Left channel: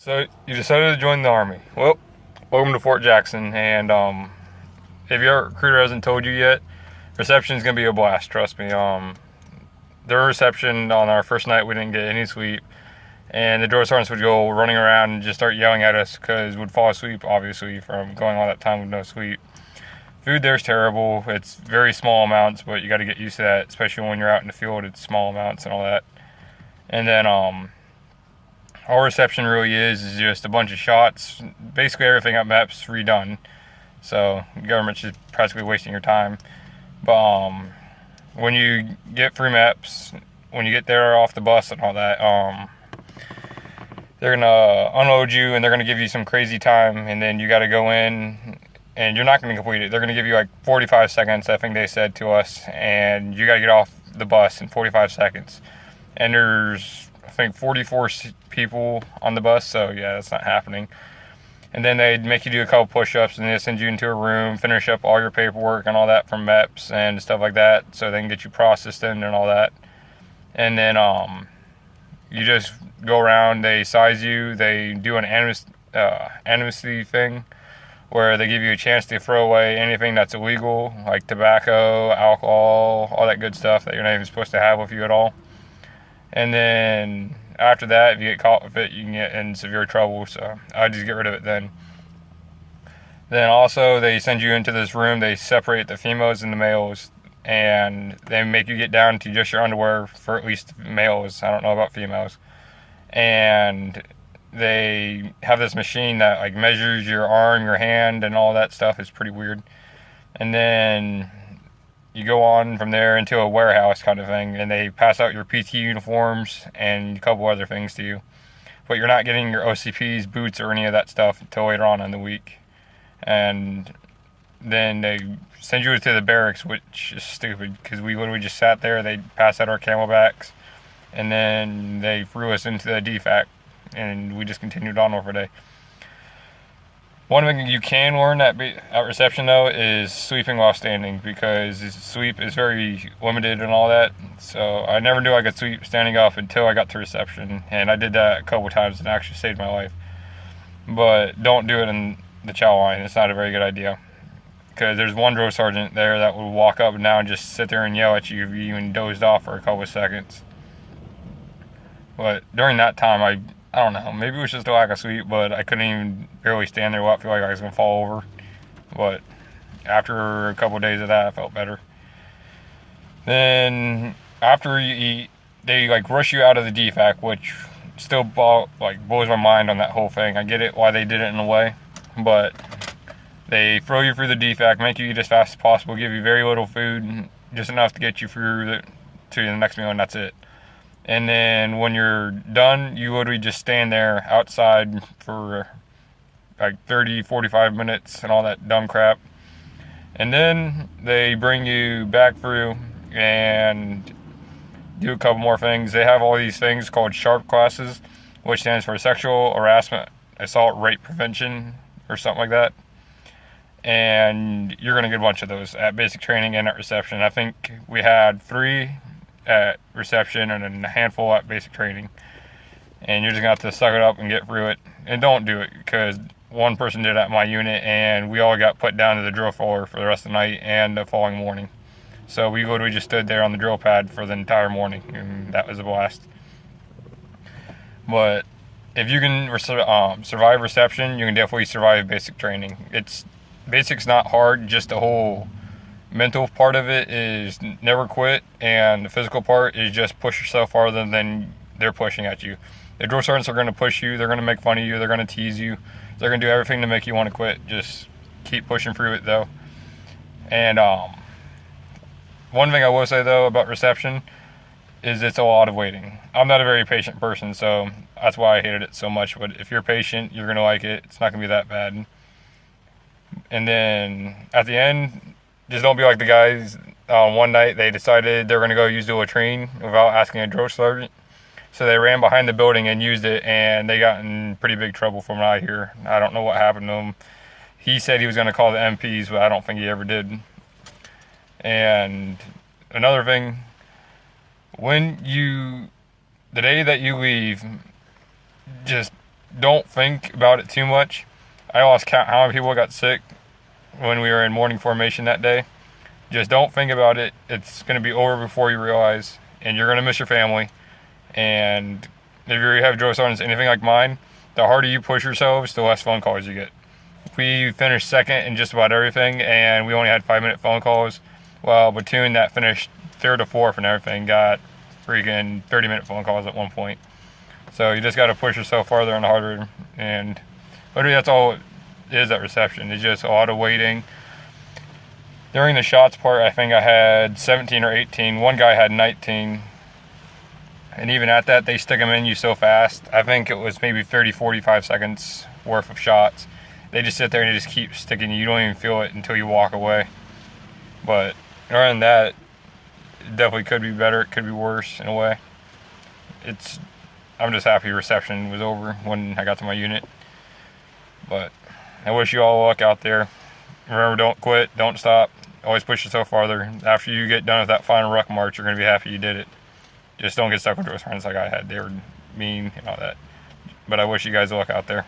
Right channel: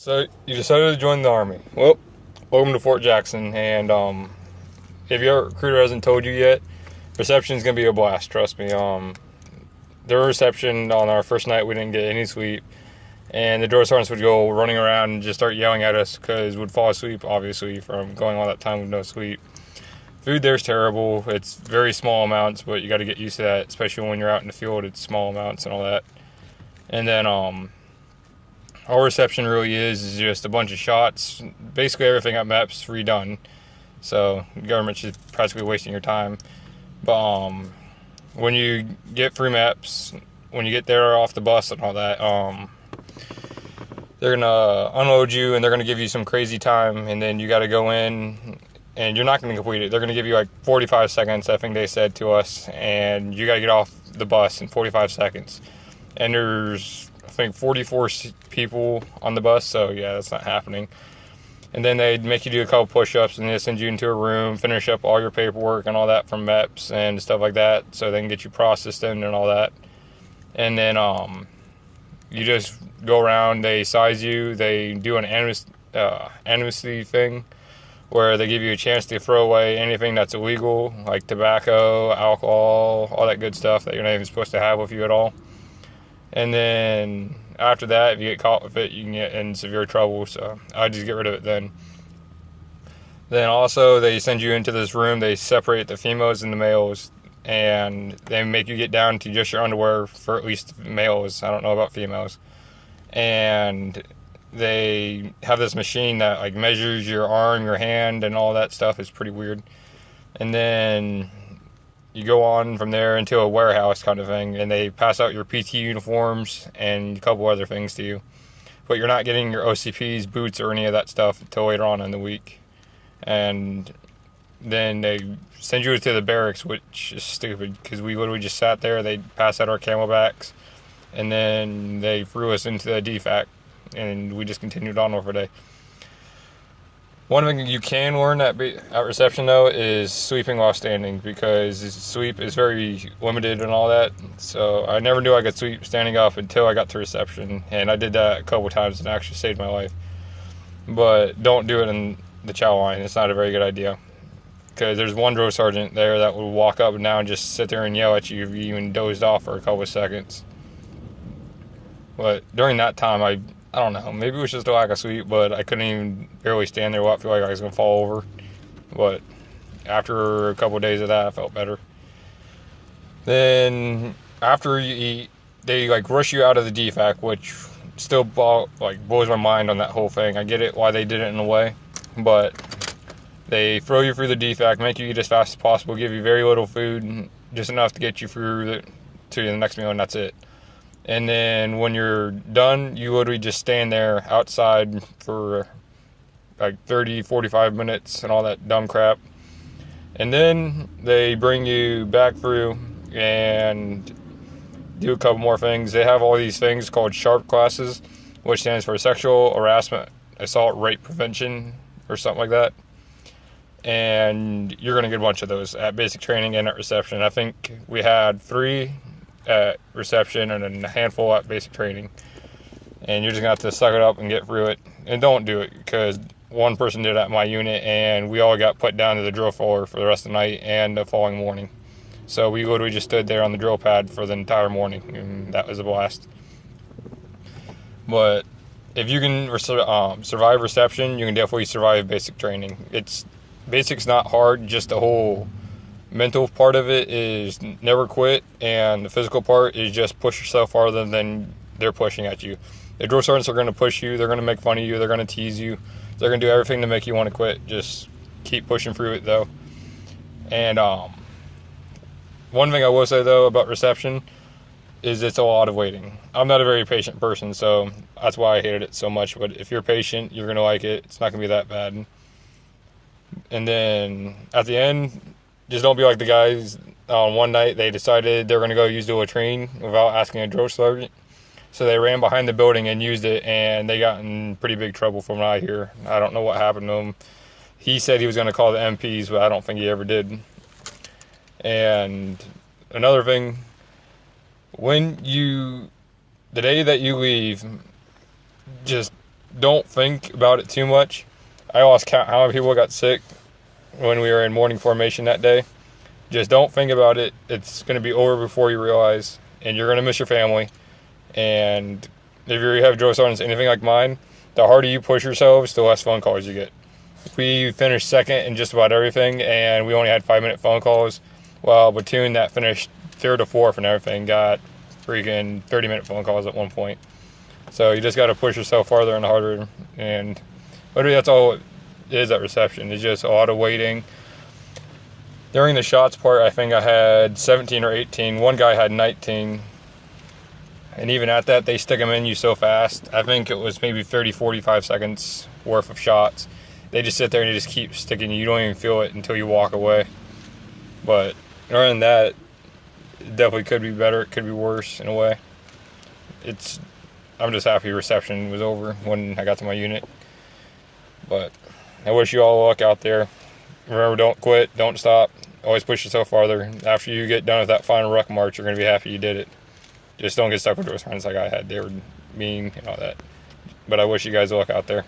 So you decided to join the Army. Well, welcome to Fort Jackson. And if your recruiter hasn't told you yet, reception is gonna be a blast. Trust me. Their reception on our first night, we didn't get any sleep, and the drill sergeants would go running around and just start yelling at us because we'd fall asleep, obviously, from going all that time with no sleep. Food there's terrible. It's very small amounts, but you got to get used to that, especially when you're out in the field. It's small amounts and all that. And then all reception really is just a bunch of shots. Basically everything at MEP's redone. So the government's just practically wasting your time. But when you get free MEPs, when you get there off the bus and all that, they're gonna unload you and they're gonna give you some crazy time, and then you gotta go in and you're not gonna complete it. They're gonna give you like 45 seconds, I think they said to us, and you gotta get off the bus in 45 seconds. And there's, I think, 44 people on the bus, so yeah, that's not happening. And then they'd make you do a couple push-ups, and they'd send you into a room, finish up all your paperwork and all that from MEPS and stuff like that, so they can get you processed in and all that. And then you just go around, they size you, they do an amnesty thing, where they give you a chance to throw away anything that's illegal, like tobacco, alcohol, all that good stuff that you're not even supposed to have with you at all. And then after that, if you get caught with it, you can get in severe trouble, so I just get rid of it then. Then also, they send you into this room, they separate the females and the males, and they make you get down to just your underwear for at least males. I don't know about females. And they have this machine that like measures your arm, your hand, and all that stuff. It's pretty weird. And then you go on from there into a warehouse kind of thing, and they pass out your PT uniforms and a couple other things to you. But you're not getting your OCPs, boots, or any of that stuff until later on in the week. And then they send you to the barracks, which is stupid because we literally just sat there. They passed out our camelbacks, and then they threw us into the DFAC, and we just continued on over the day. One thing you can learn at reception, though, is sleeping while standing, because sleep is very limited and all that. So I never knew I could sleep standing up until I got to reception, and I did that a couple times and it actually saved my life. But don't do it in the chow line. It's not a very good idea, because there's one drill sergeant there that will walk up and down and just sit there and yell at you if you even dozed off for a couple of seconds. But during that time, I don't know, maybe it was just a lack of sleep, but I couldn't even barely stand there. I feel like I was going to fall over. But after a couple of days of that, I felt better. Then after you eat, they like rush you out of the DFAC, which still blows my mind on that whole thing. I get it why they did it in a way, but they throw you through the DFAC, make you eat as fast as possible, give you very little food, just enough to get you through to the next meal, and that's it. And then when you're done, you literally just stand there outside for like 30, 45 minutes and all that dumb crap. And then they bring you back through and do a couple more things. They have all these things called SHARP classes, which stands for Sexual Harassment, Assault, Rape Prevention, or something like that. And you're going to get a bunch of those at basic training and at reception. I think we had 3 at reception and then a handful at basic training, and you're just gonna have to suck it up and get through it. And don't do it, because one person did it at my unit and we all got put down to the drill floor for the rest of the night and the following morning. So we literally just stood there on the drill pad for the entire morning, and that was a blast. But if you can survive reception, you can definitely survive basic training. Basic's not hard, just the whole mental part of it is never quit, and the physical part is just push yourself farther than they're pushing at you. The drill sergeants are going to push you, they're going to make fun of you, they're going to tease you, they're going to do everything to make you want to quit. Just keep pushing through it, though. And one thing I will say, though, about reception is it's a lot of waiting. I'm not a very patient person, so that's why I hated it so much. But if you're patient, you're going to like it. It's not going to be that bad. And then at the end, just don't be like the guys. One night they decided they were going to go use the latrine without asking a drill sergeant. So they ran behind the building and used it, and they got in pretty big trouble from what I hear. I don't know what happened to them. He said he was going to call the MPs, but I don't think he ever did. And another thing, the day that you leave, just don't think about it too much. I lost count how many people got sick when we were in morning formation that day. Just don't think about it. It's going to be over before you realize, and you're going to miss your family. And if you have drill sergeants anything like mine, the harder you push yourselves, the less phone calls you get. We finished second in just about everything, and we only had 5-minute phone calls. Well, platoon that finished third or fourth and everything got freaking 30-minute phone calls at one point. So you just got to push yourself farther and harder. And literally that's all it is at reception. It's just a lot of waiting. During the shots part, I think I had 17 or 18. One guy had 19. And even at that, they stick them in you so fast. I think it was maybe 30, 45 seconds worth of shots. They just sit there and they just keep sticking you. You don't even feel it until you walk away. But other than that, it definitely could be better. It could be worse in a way. I'm just happy reception was over when I got to my unit. But I wish you all luck out there. Remember, don't quit, don't stop. Always push yourself farther. After you get done with that final ruck march, you're going to be happy you did it. Just don't get stuck with those friends like I had. They were mean and all that. But I wish you guys luck out there.